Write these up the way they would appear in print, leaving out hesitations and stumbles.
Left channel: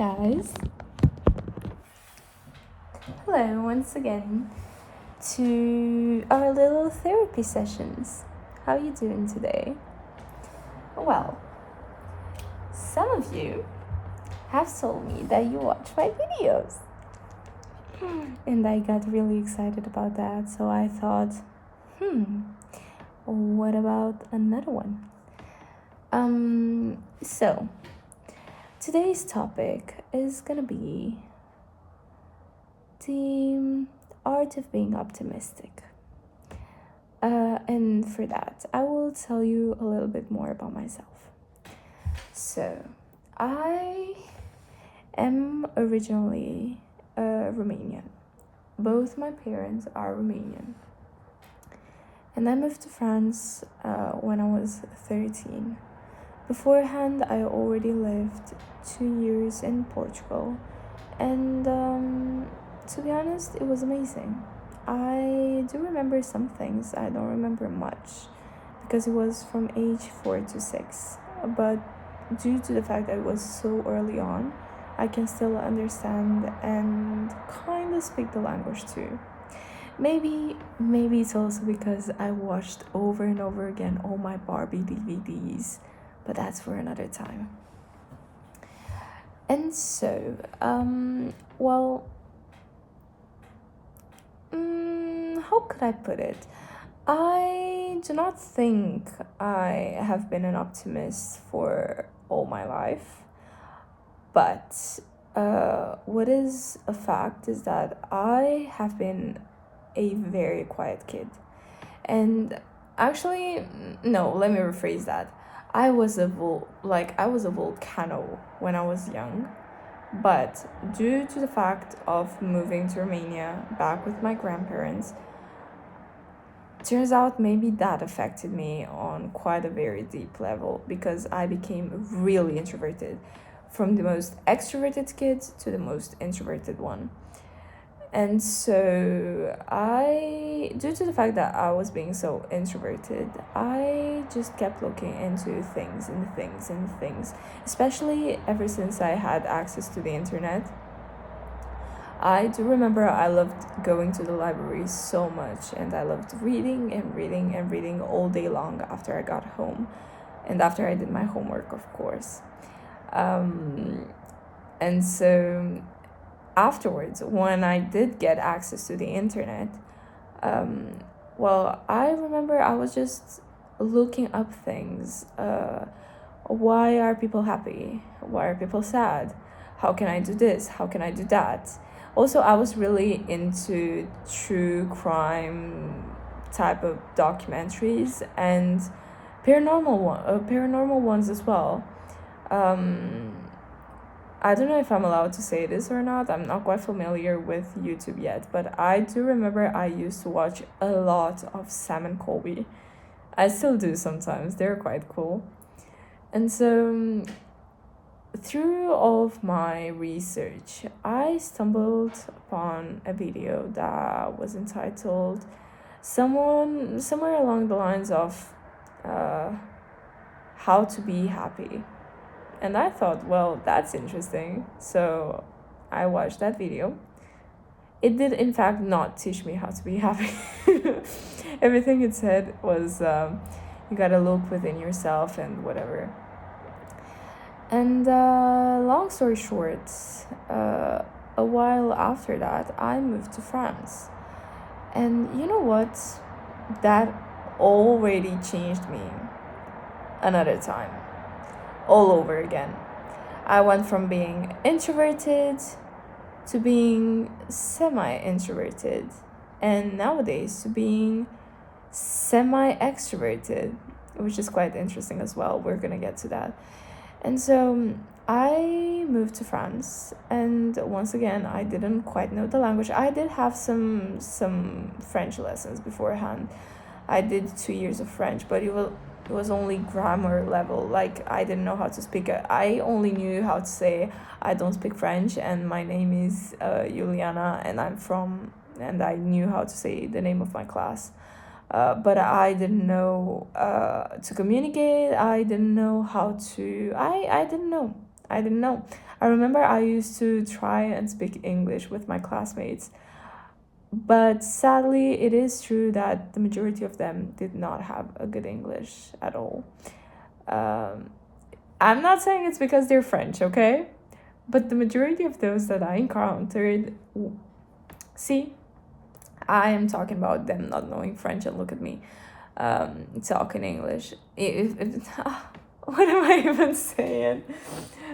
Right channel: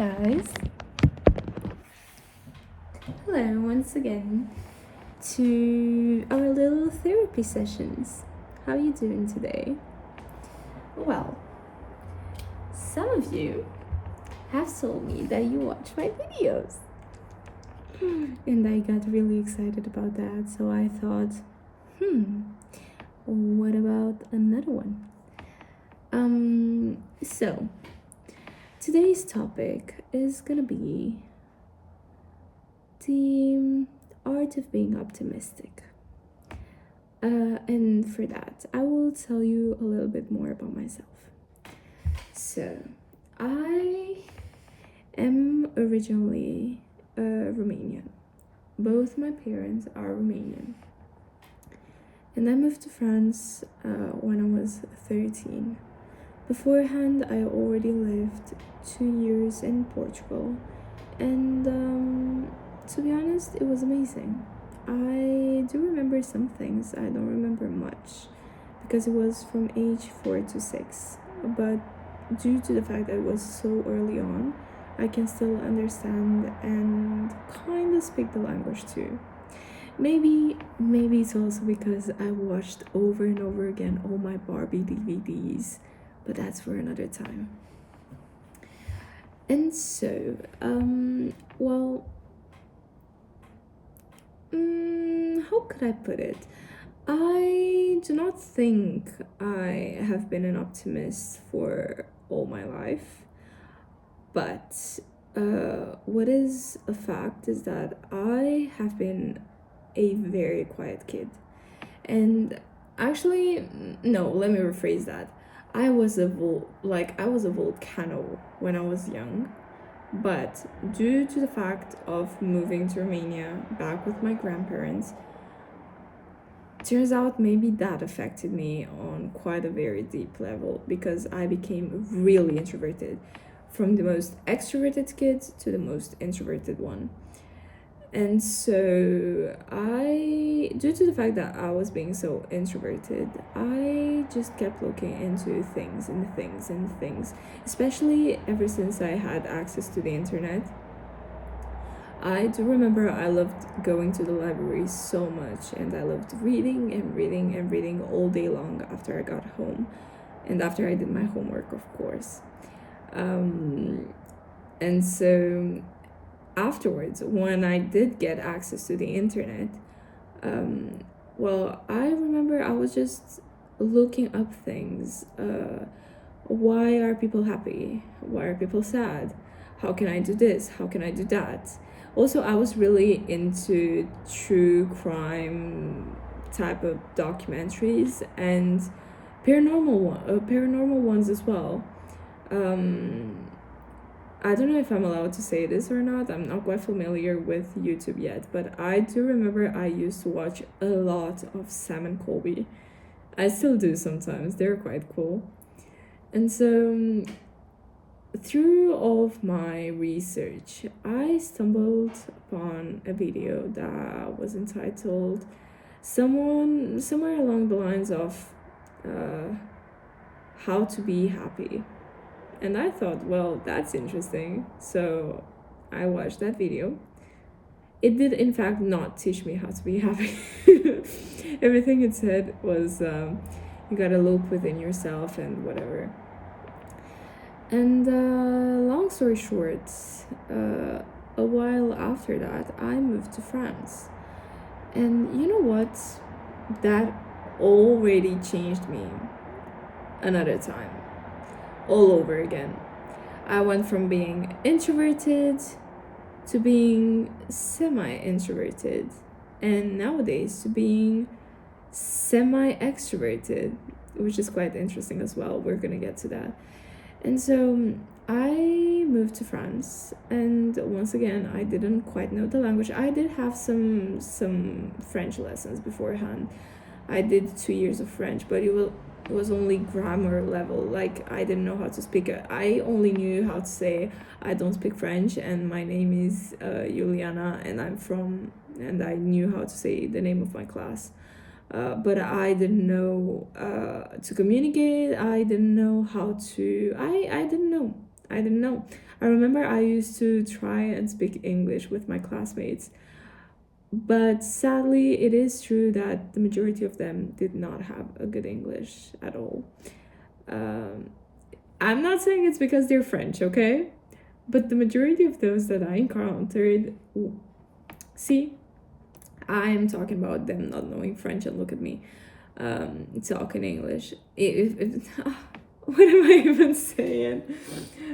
guys. Hello once again to our little therapy sessions. How are you doing today? Well, some of you have told me that you watch my videos. And I got really excited about that, so I thought, what about another one? So today's topic is gonna be the art of being optimistic. And for that, I will tell you a little bit more about myself. So, I am originally Romanian. Both my parents are Romanian. And I moved to France when I was 13. Beforehand, I already lived 2 years in Portugal. And to be honest, it was amazing. I do remember some things. I don't remember much because it was from age 4 to 6. But due to the fact that it was so early on, I can still understand and kind of speak the language too. Maybe it's also because I watched over and over again all my Barbie DVDs, but that's for another time. And so, how could I put it? I do not think I have been an optimist for all my life, but what is a fact is that I have been a very quiet kid. And actually, no, let me rephrase that. I was a volcano when I was young, but due to the fact of moving to Romania back with my grandparents, turns out maybe that affected me on quite a very deep level because I became really introverted, from the most extroverted kid to the most introverted one. And so due to the fact that I was being so introverted, I just kept looking into things, especially ever since I had access to the internet. I do remember I loved going to the library so much, and I loved reading all day long after I got home and after I did my homework, of course. And so afterwards, when I did get access to the internet, I remember I was just looking up things. Why are people happy? Why are people sad? How can I do this? How can I do that? Also, I was really into true crime type of documentaries and paranormal ones as well. I don't know if I'm allowed to say this or not. I'm not quite familiar with YouTube yet, but I do remember I used to watch a lot of Sam and Colby. I still do sometimes. They're quite cool. And so through all of my research, I stumbled upon a video that was entitled somewhere along the lines of how to be happy. And I thought, well, that's interesting. So I watched that video. It did, in fact, not teach me how to be happy. Everything it said was you gotta look within yourself and whatever. And long story short, a while after that, I moved to France. And you know what? That already changed me another time. All over again. I went from being introverted to being semi-introverted, and nowadays to being semi-extroverted, which is quite interesting as well. We're gonna get to that. And so I moved to France, and once again, I didn't quite know the language. I did have some French lessons beforehand. I did 2 years of French, but it was only grammar level. Like, I didn't know how to speak it. I only knew how to say I don't speak French and my name is Iuliana and I knew how to say the name of my class. But I didn't know to communicate. I didn't know how to I didn't know. I remember I used to try and speak English with my classmates, but sadly, it is true that the majority of them did not have a good English at all. Um, I'm not saying it's because they're French, okay? But the majority of those that I encountered, see, I am talking about them not knowing French, and look at me talking English. What am I even saying?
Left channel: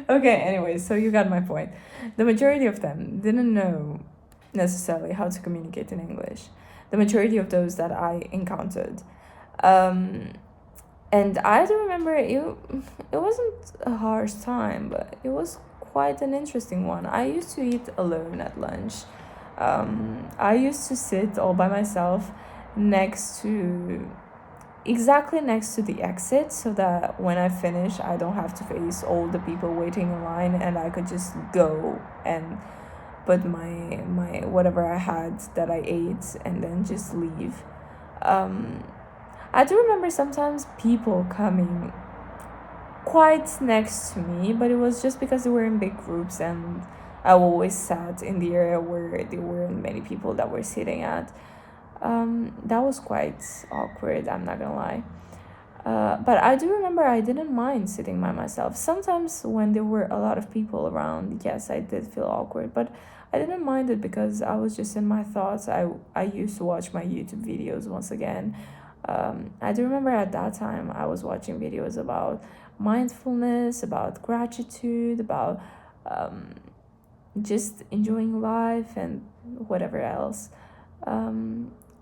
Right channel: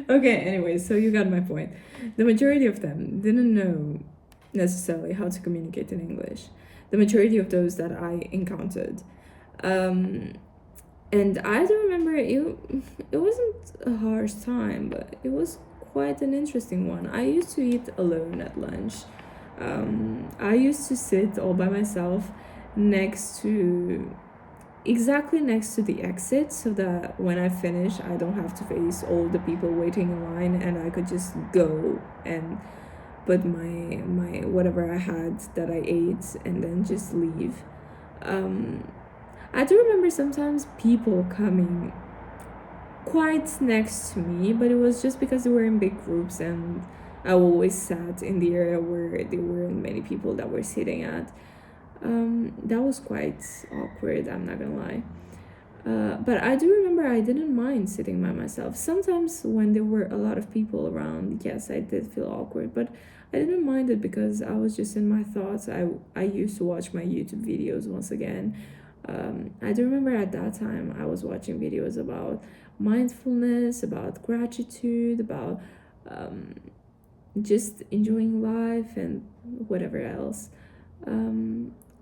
Okay, anyway, so you got my point. The majority of them didn't know necessarily how to communicate in English. The majority of those that I encountered. And I do remember it wasn't a harsh time, but it was quite an interesting one. I used to eat alone at lunch. I used to sit all by myself exactly next to the exit, so that when I finish, I don't have to face all the people waiting in line, and I could just go and put my whatever I had that I ate and then just leave. I do remember sometimes people coming quite next to me, but it was just because they were in big groups, and I always sat in the area where there weren't many people that were sitting at. That was quite awkward, I'm not gonna lie. But I do remember I didn't mind sitting by myself. Sometimes when there were a lot of people around, yes, I did feel awkward, but I didn't mind it because I was just in my thoughts. I used to watch my YouTube videos once again. I do remember at that time I was watching videos about mindfulness, about gratitude, about just enjoying life and whatever else.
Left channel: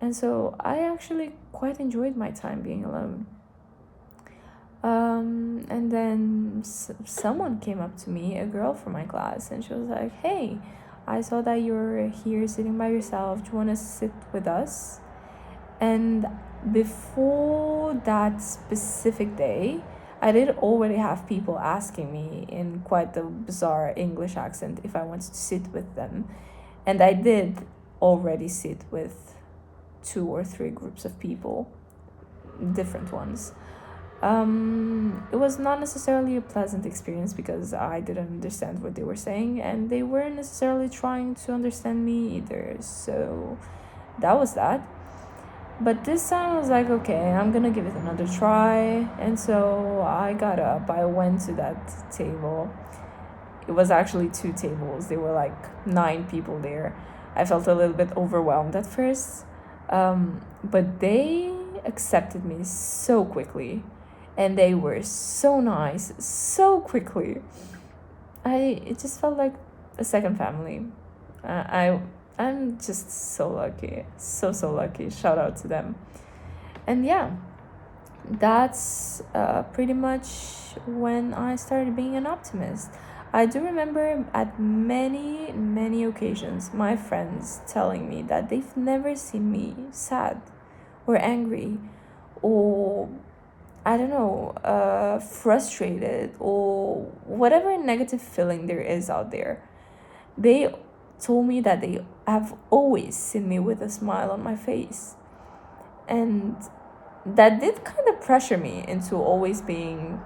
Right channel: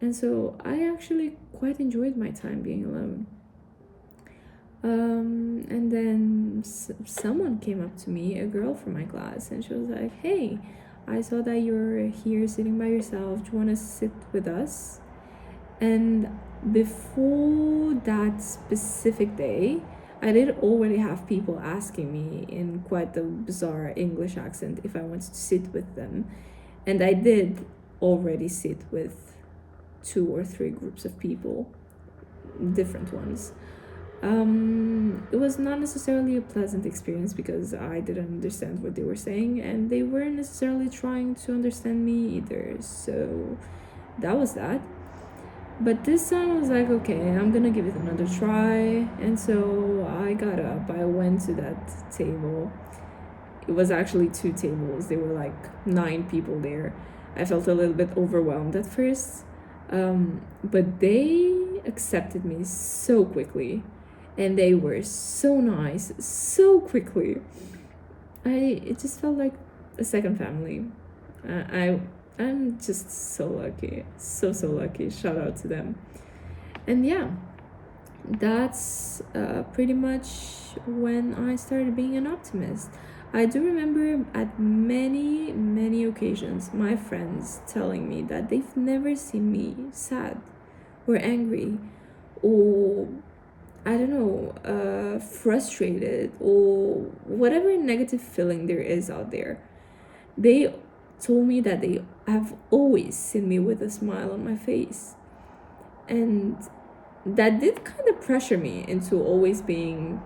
And so I actually quite enjoyed my time being alone. And then someone came up to me, a girl from my class, and she was like, "Hey, I saw that you're here sitting by yourself. Do you want to sit with us?" And before that specific day, I did already have people asking me in quite a bizarre English accent if I wanted to sit with them. And I did already sit with 2 or 3 groups of people, different ones. It was not necessarily a pleasant experience because I didn't understand what they were saying, and they weren't necessarily trying to understand me either. So that was that. But this time I was like, okay, I'm gonna give it another try. And so I got up, I went to that table. It was actually 2 tables, there were like 9 people there. I felt a little bit overwhelmed at first, but they accepted me so quickly, and they were so nice so quickly. It just felt like a second family. I'm just so lucky, so lucky. Shout out to them. And yeah, that's pretty much when I started being an optimist. I do remember at many occasions my friends telling me that they've never seen me sad or angry or I don't know, frustrated or whatever negative feeling there is out there. They told me that they have always seen me with a smile on my face. And that did kind of pressure me into always being,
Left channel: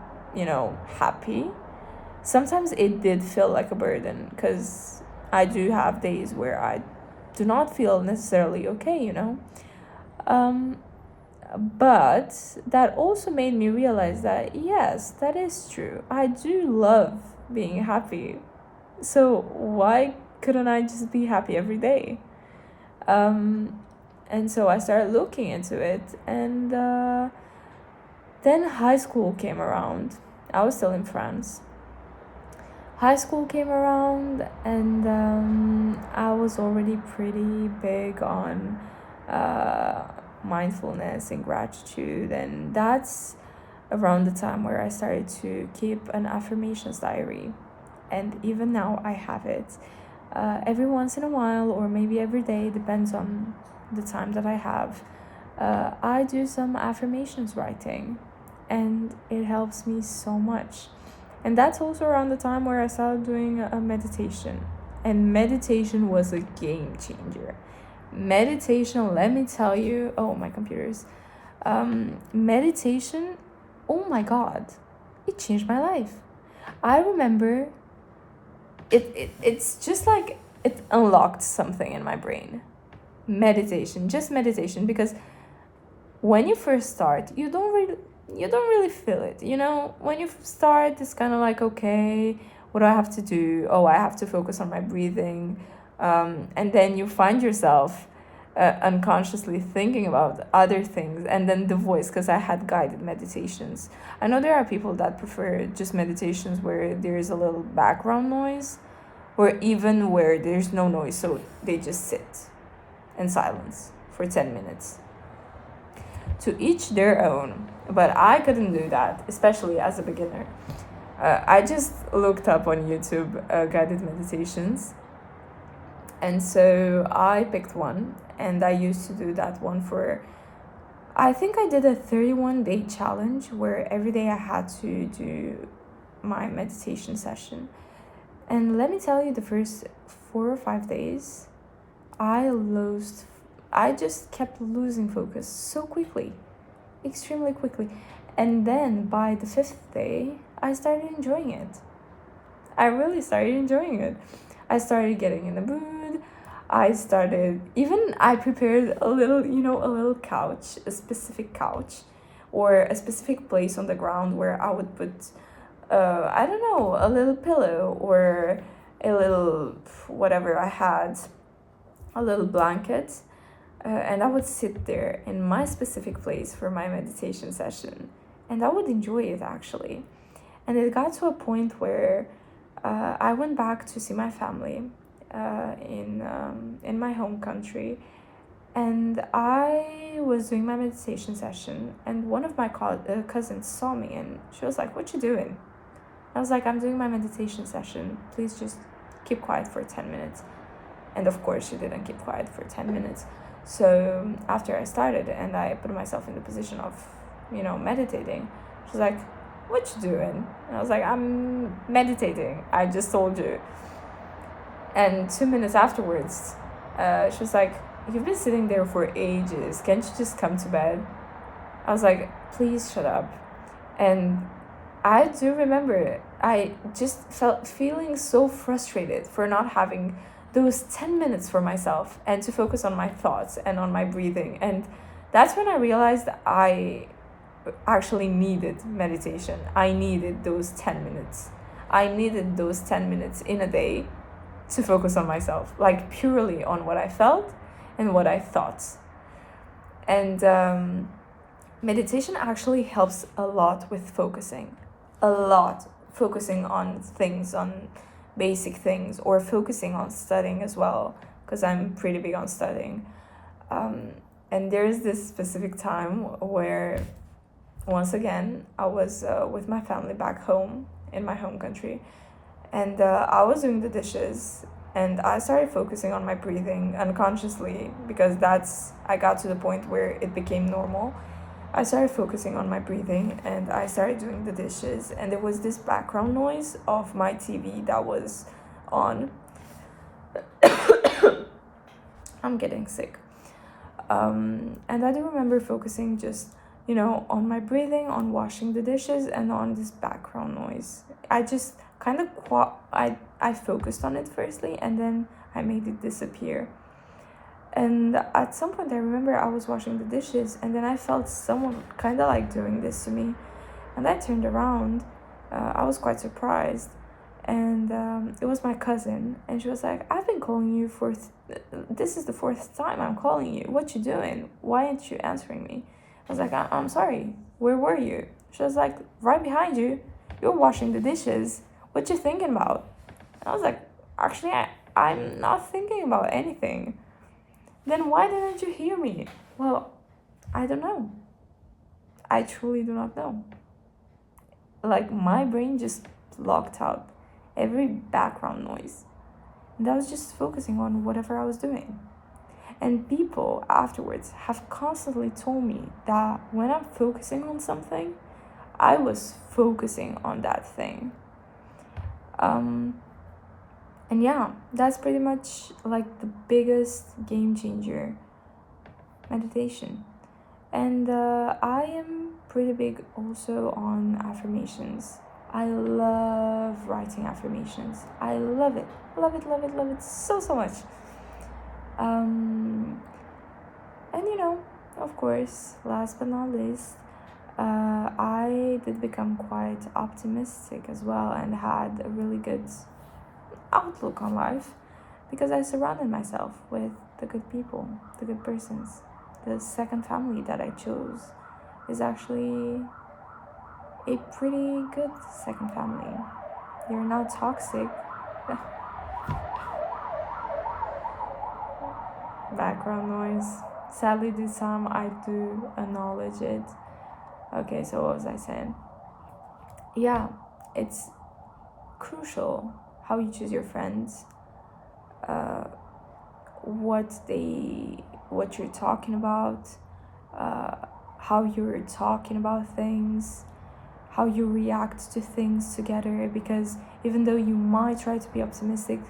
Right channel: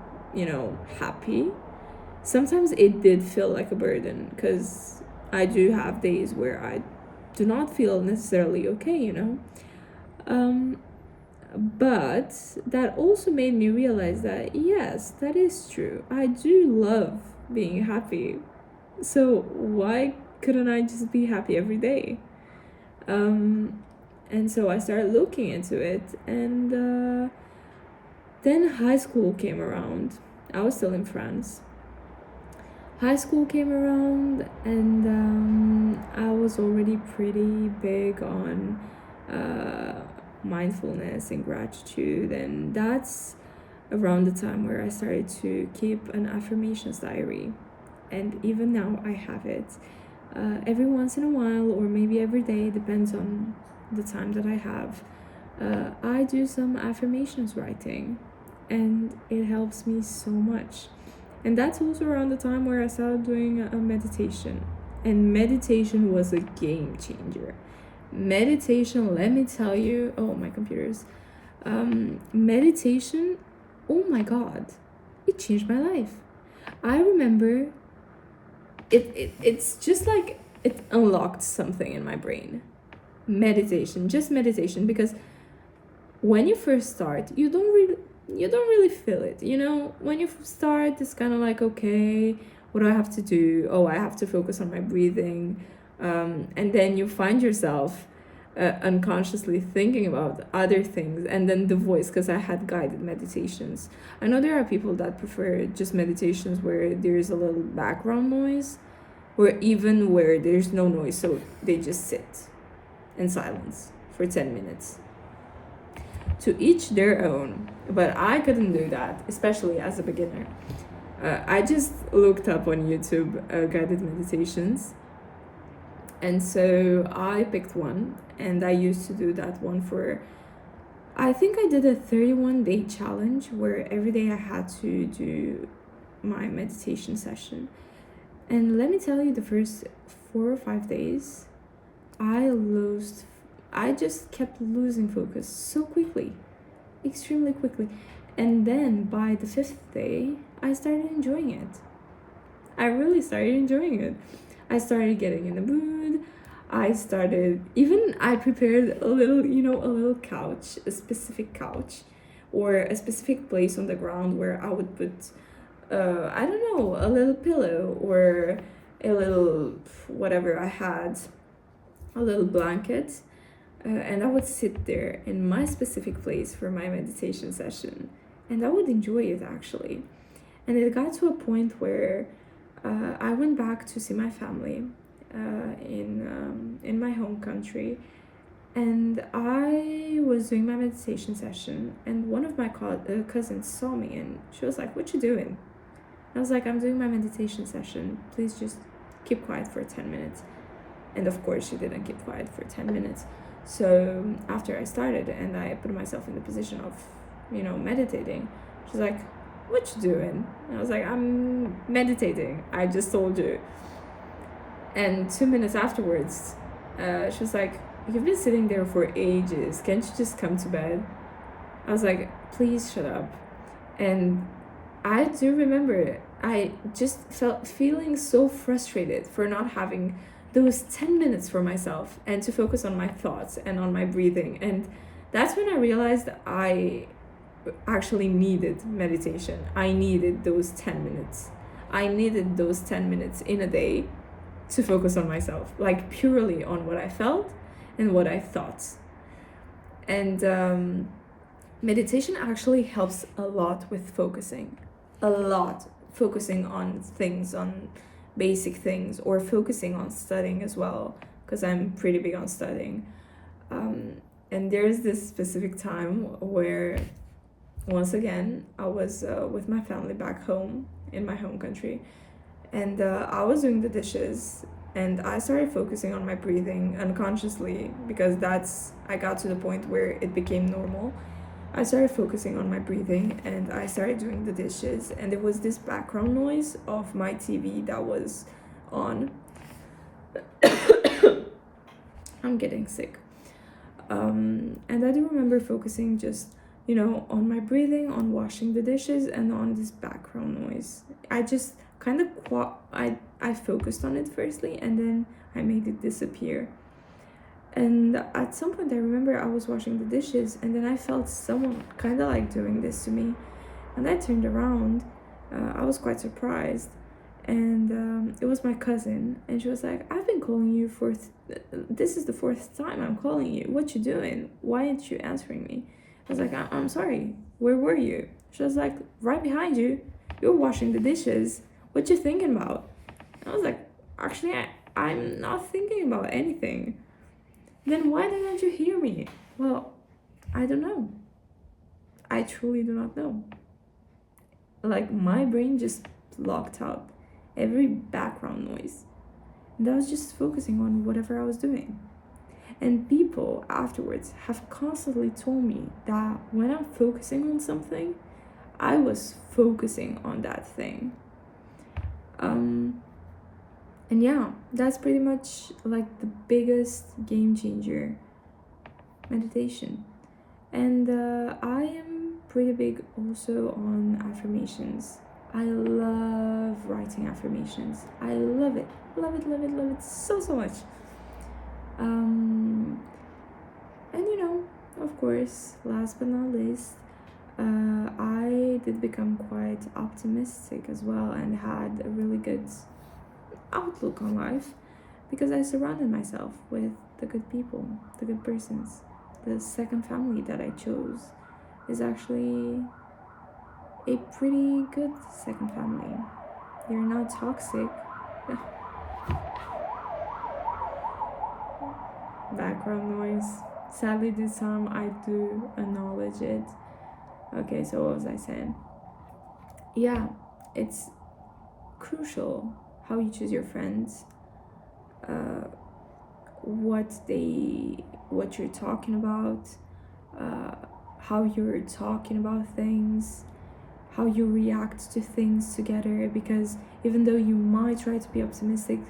happy. Sometimes it did feel like a burden because I do have days where I do not feel necessarily okay. But that also made me realize that, yes, that is true. I do love being happy. So why couldn't I just be happy every day? And so I started looking into it. And then high school came around. I was still in France. High school came around, and I was already pretty big on mindfulness and gratitude, and that's around the time where I started to keep an affirmations diary. And even now I have it. Every once in a while, or maybe every day, depends on the time that I have, I do some affirmations writing, and it helps me so much. And that's also around the time where I started doing a meditation, and meditation was a game changer. Meditation, let me tell you, oh, my computers. Meditation, oh my god, it changed my life. I remember it's just like it unlocked something in my brain. Meditation, just meditation, because when you first start, you don't really feel it. When you start, it's kind of like, okay, what do I have to do? Oh, I have to focus on my breathing. And then you find yourself unconsciously thinking about other things, and then the voice, because I had guided meditations. I know there are people that prefer just meditations where there's a little background noise, or even where there's no noise, so they just sit in silence for 10 minutes. To each their own, but I couldn't do that, especially as a beginner. I just looked up on YouTube guided meditations, and so I picked one, and I used to do that one for, I think I did a 31-day challenge where every day I had to do my meditation session. And let me tell you, the first 4 or 5 days, I just kept losing focus so quickly, extremely quickly. And then by the 5th day, I started enjoying it. I really started enjoying it. I started getting in the mood. I prepared a little couch, a specific couch, or a specific place on the ground where I would put, I don't know, a little pillow or a little whatever I had, a little blanket, and I would sit there in my specific place for my meditation session, and I would enjoy it actually. And it got to a point where I went back to see my family in my home country, and I was doing my meditation session, and one of my cousins saw me, and she was like, "What you doing?" I was like, "I'm doing my meditation session. Please just keep quiet for 10 minutes." And of course, she didn't keep quiet for 10 minutes. So after I started and I put myself in the position of, meditating, she's like, "What you doing?" And I was like, "I'm meditating. I just told you." And 2 minutes afterwards, she was like, "You've been sitting there for ages. Can't you just come to bed?" I was like, "Please shut up." And I do remember I just feeling so frustrated for not having those 10 minutes for myself and to focus on my thoughts and on my breathing. And that's when I realized I actually needed meditation. I needed those 10 minutes. I needed those 10 minutes in a day to focus on myself, like purely on what I felt and what I thought. And meditation actually helps a lot with focusing. A lot. Focusing on things, on basic things, or focusing on studying as well, because I'm pretty big on studying. And there's this specific time where, once again, I was with my family back home in my home country, and I was doing the dishes, and I started focusing on my breathing unconsciously, because I got to the point where it became normal. I started focusing on my breathing, and I started doing the dishes, and there was this background noise of my TV that was on. I'm getting sick. And I do remember focusing just, on my breathing, on washing the dishes, and on this background noise. I just kind of I focused on it firstly, and then I made it disappear. And at some point I remember I was washing the dishes, and then I felt someone kind of like doing this to me, and I turned around. I was quite surprised, and it was my cousin, and she was like, "I've been calling you for this is the 4th time I'm calling you. What you doing? Why aren't you answering me?" I was like, I'm sorry, where were you?" She was like, "Right behind you. You're washing the dishes. What you thinking about?" And I was like, "Actually, I'm not thinking about anything." "Then why didn't you hear me?" "Well, I don't know. I truly do not know." Like, my brain just blocked out every background noise, and I was just focusing on whatever I was doing. And people afterwards have constantly told me that when I'm focusing on something, I was focusing on that thing. And yeah, that's pretty much like the biggest game changer, meditation. And I am pretty big also on affirmations. I love writing affirmations. I love it. Love it, love it, love it so, so much. And of course, last but not least, I did become quite optimistic as well and had a really good outlook on life because I surrounded myself with the good people, the good persons. The second family that I chose is actually a pretty good second family. You're not toxic. Background noise. Sadly, this time I do acknowledge it. Okay, so what was I saying? Yeah, it's crucial how you choose your friends, uh, what you're talking about, uh, how you're talking about things, how you react to things together. Because even though you might try to be optimistic,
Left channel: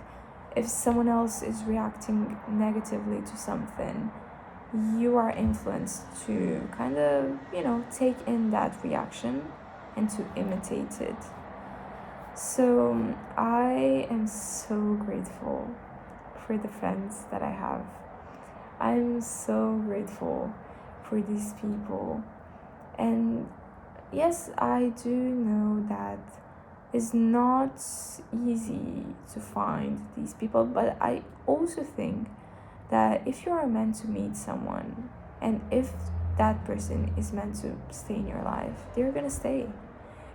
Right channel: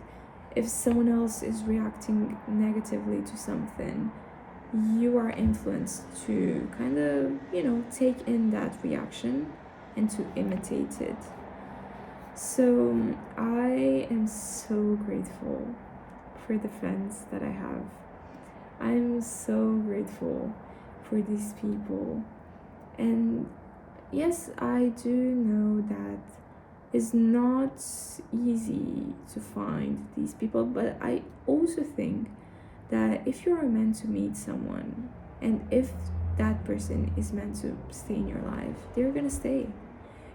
if someone else is reacting negatively to something, you are influenced to kind of, take in that reaction and to imitate it. So I am so grateful for the friends that I have. I'm so grateful for these people. And yes, I do know that it's not easy to find these people, but I also think that if you are meant to meet someone and if that person is meant to stay in your life, they're gonna stay.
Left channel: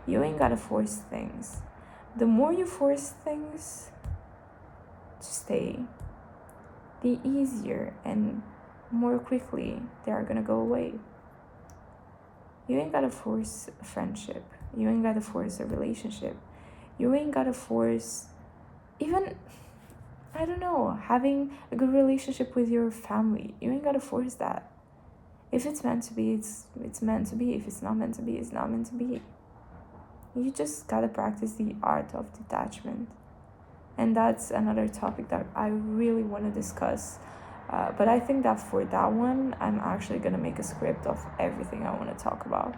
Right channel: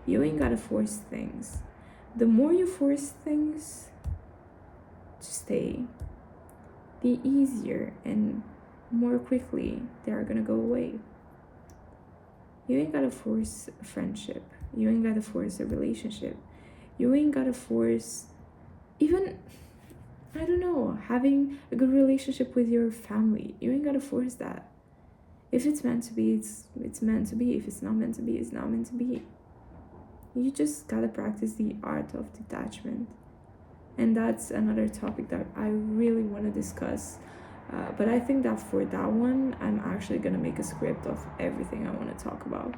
You ain't gotta force things. The more you force things to stay, the easier and more quickly they are gonna go away. You ain't gotta force a friendship. You ain't gotta force a relationship. You ain't gotta force even, I don't know, having a good relationship with your family. You ain't gotta force that. If it's meant to be, it's meant to be. If it's not meant to be, it's not meant to be. You just gotta practice the art of detachment. And that's another topic that I really want to discuss. But I think that for that one, I'm actually gonna make a script of everything I want to talk about.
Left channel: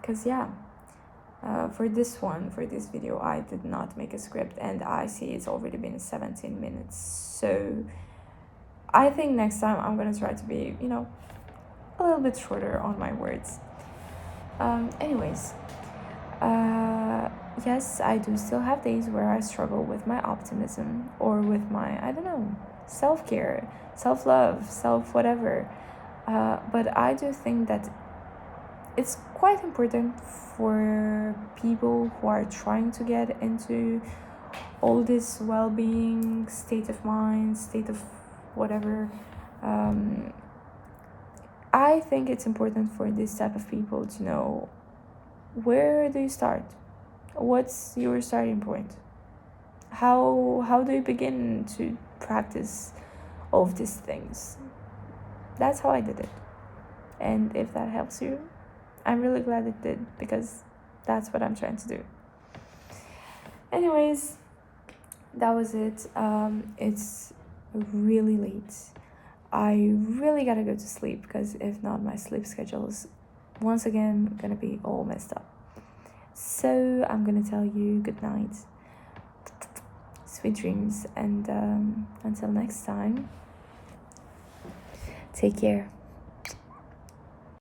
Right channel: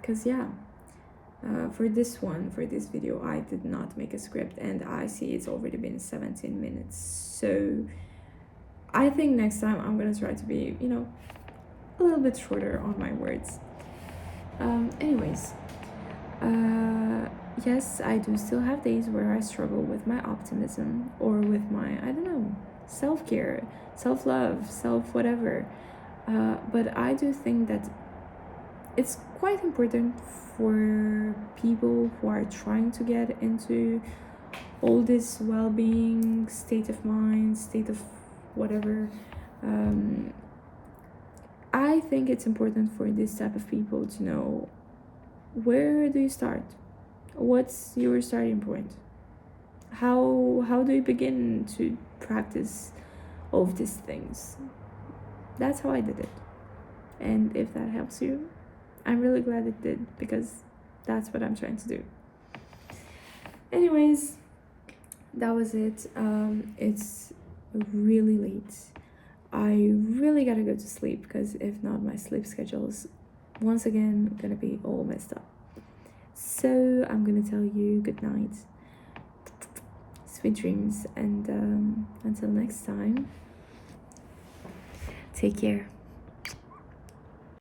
Because for this video, I did not make a script, and I see it's already been 17 minutes. So I think next time I'm gonna try to be, a little bit shorter on my words. Anyways, yes, I do still have days where I struggle with my optimism or with my, I don't know, self-care, self-love, self-whatever. But I do think that it's quite important for people who are trying to get into all this well-being, state of mind, state of whatever. I think it's important for this type of people to know, where do you start? What's your starting point? How do you begin to practice all of these things? That's how I did it. And if that helps you, I'm really glad it did, because that's what I'm trying to do. Anyways, that was it. It's really late. I really gotta go to sleep, because if not, my sleep schedule is once again gonna be all messed up. So I'm gonna tell you good night, sweet dreams, and until next time, take care.